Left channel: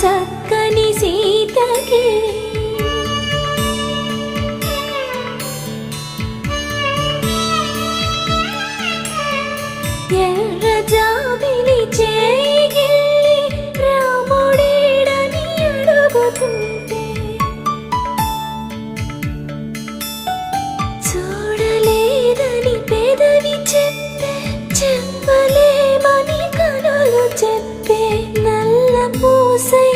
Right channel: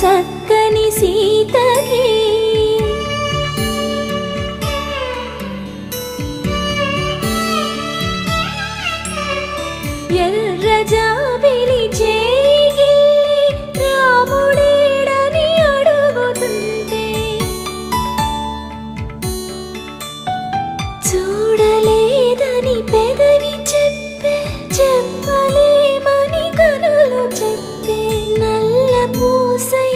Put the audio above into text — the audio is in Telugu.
చక్కని సీతకి ఎర్ర జాబిలి చేయి రాముడేడని అడుగుతుంటే చూడలేదని పెదవి చెప్పే చెప్పలేమని కనులు చెప్పే నల్ల పూసై